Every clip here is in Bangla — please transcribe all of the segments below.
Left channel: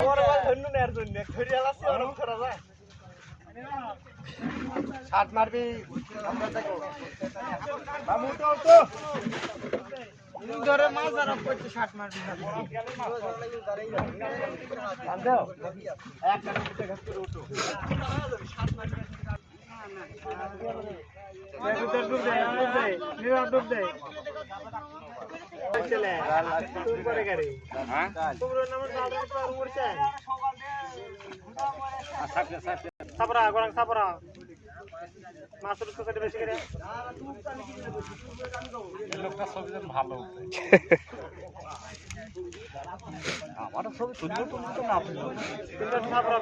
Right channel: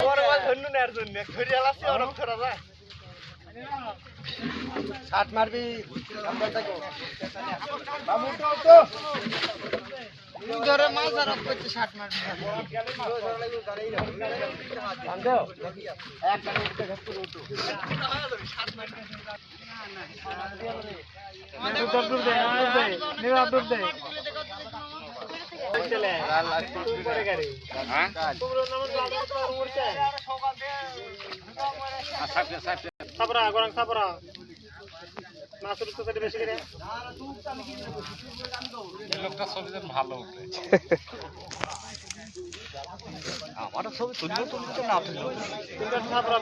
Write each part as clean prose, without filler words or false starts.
বড় মাছ ধরনু নেয়ার জন্য ধরে আলাসি অনেক ধরা যায় শাট মারবি আমরা থাকো মামু তো ধরে মাছ আর করতে শাট মারবি আনদেও এক মিনিট ধরতে উঠো শাট মারবি উত্তর দূর দে নিরা দূর দে চলে গাল লাগতে পরে গাড়ি হ্যাঁ তোমরা নাম গাল করে উড়ছে সাপরা গরং সাপরা মাছের তো বেশি করে এই লোকটা ছবি ভালো ওঠে আমারও ছবি তুলবো তুলতে না তুলবো তিনটা সাপরা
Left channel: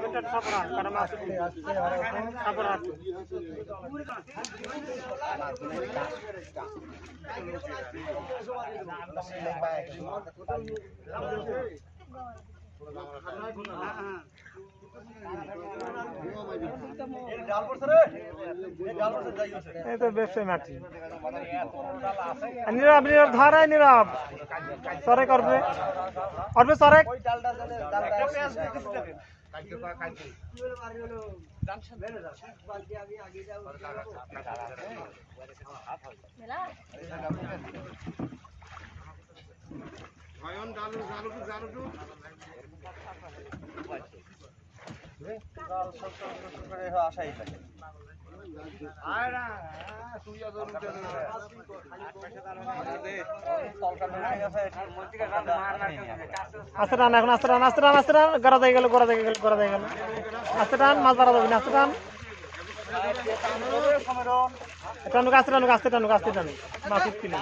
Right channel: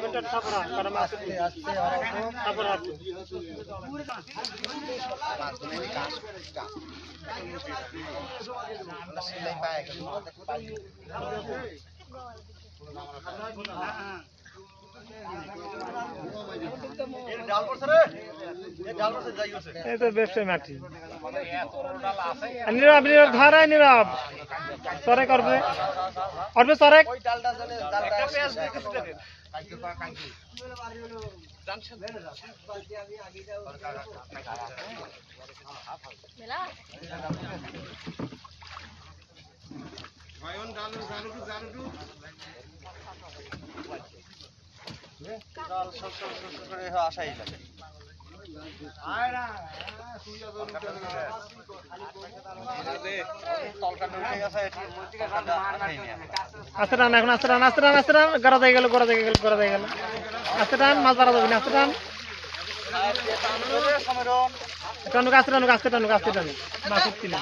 কারণ মাছ আসতে আর সাপরা আছে মাছগুলো কাজ আমরা সিলাই পায় গেল নীরব নীরব ধারায় নীরব সরে করবে করবে সরে আশাই লাগে আস্তে টান এখন আস্তে টান আস্তে টান আস্তে টান গড়া দিয়ে গেল গড়া দিয়ে গেল গড়া দিয়ে গেল আস্তে টান মাছ ধরা যাবে না আস্তে টান টানুক আস্তে টানুক আস্তে টানুক আস্তে টানুক মাছ উঠছি না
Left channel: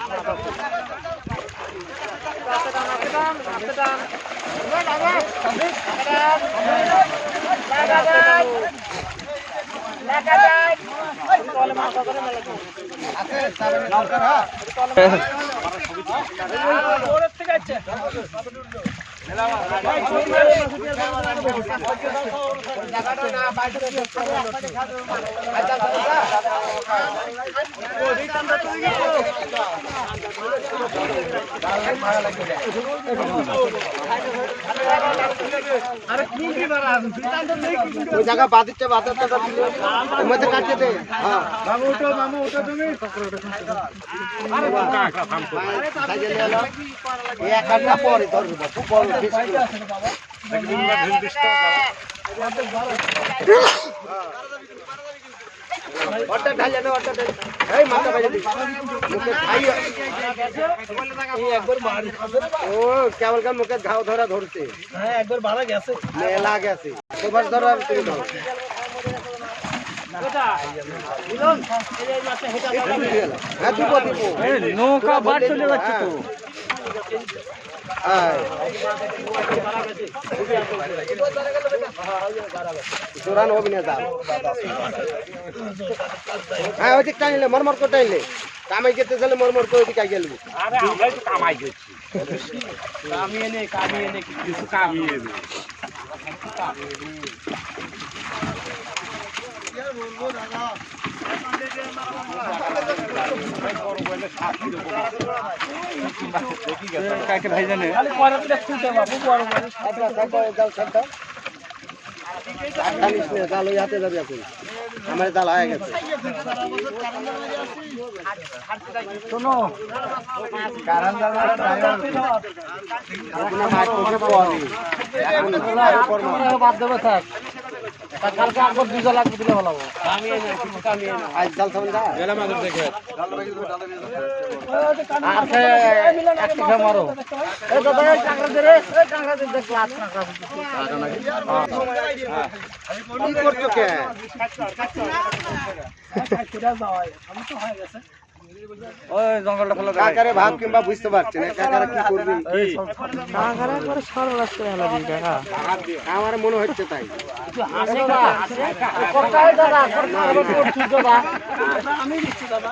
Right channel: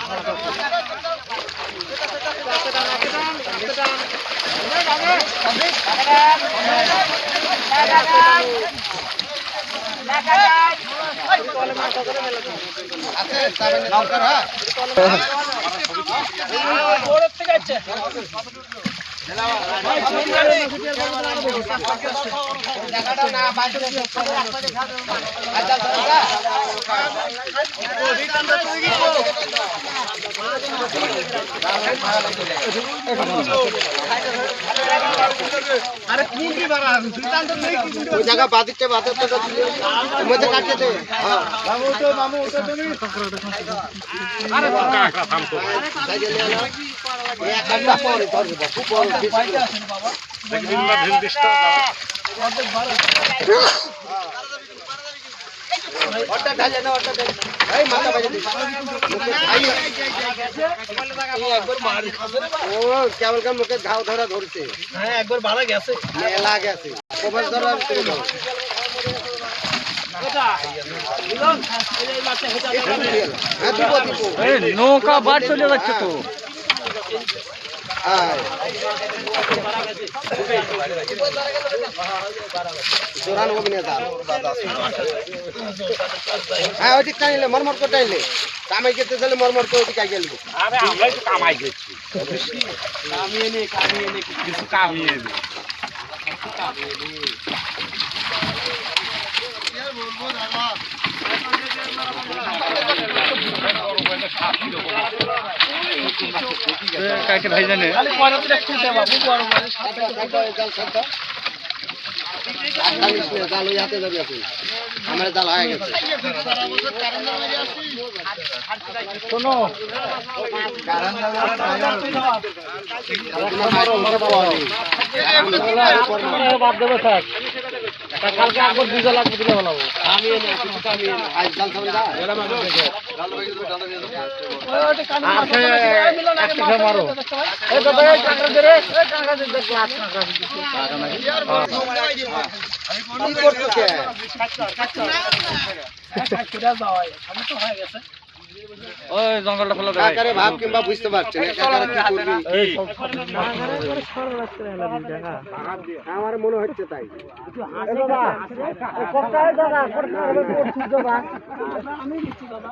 আরে কুন্ডি বাবা ওই জায়গা বাদিকটা বাজার তো মধ্যে কাটিয়ে দে হ্যাঁ মামু ওটা তুমি আরে কাকা থাম তো ভাই এই এক ঘন্টা পরে ধরবে খুব বড় বাইরে আছে বাবা একদিন না ঢেল দিস্তা ওটা ঢালে না ওটা এই মাথা বাইরে দে এই একবার মার খাবে রে ও কেবল কাম মুখে ঘাও ধরা ধরছে হ্যাঁ একবার মারা গেছে মেলা গেছে কবার ধরা করে দাও নৌকা বাদ চলে যাচ্ছে তো টাইলে মরমর করে টাইলে কামাই যেতে চলে মরমর করে ওদিকে গেল আরে আমরাই তো কামাই করছি কামিয়ে নে কিছু কামিয়ে নে বলবো দাদা কাকে ভাই জানে খালি পয়রাতে রাখতে বাবু বড় বড় সাতটা জাল সাতটা জাল ইয়াতে যাবে আপনি আমার জাল হয়ে গেছে শোনো কারণ জাল বাদ দেবো থাক কালকে আগর দুজা লাগবে দিলে ভালো হবে আমি আজ জাল থাকবে না এরা মানে দেখে জাল লাগি তো জাল লাগি ওটা কান মিলন আগে মারো এই দাদা এই টাকা দে রে এই টাকা দে দেখ টাকা নাকি কি করতে কে কাটটা যাও আমি তো হয়ে গেছে ওই জঙ্গলটা ফলো দাও কাকারে ভাগ কিংবা বুঝতে পারছেন কাকারে কি করবি এই কাকারে করে সররাস্তা এলা দিটা আমার মনে হচ্ছে তাই বাবা কোথায় দাদা কোথায় আমি দিচ্ছি দাদা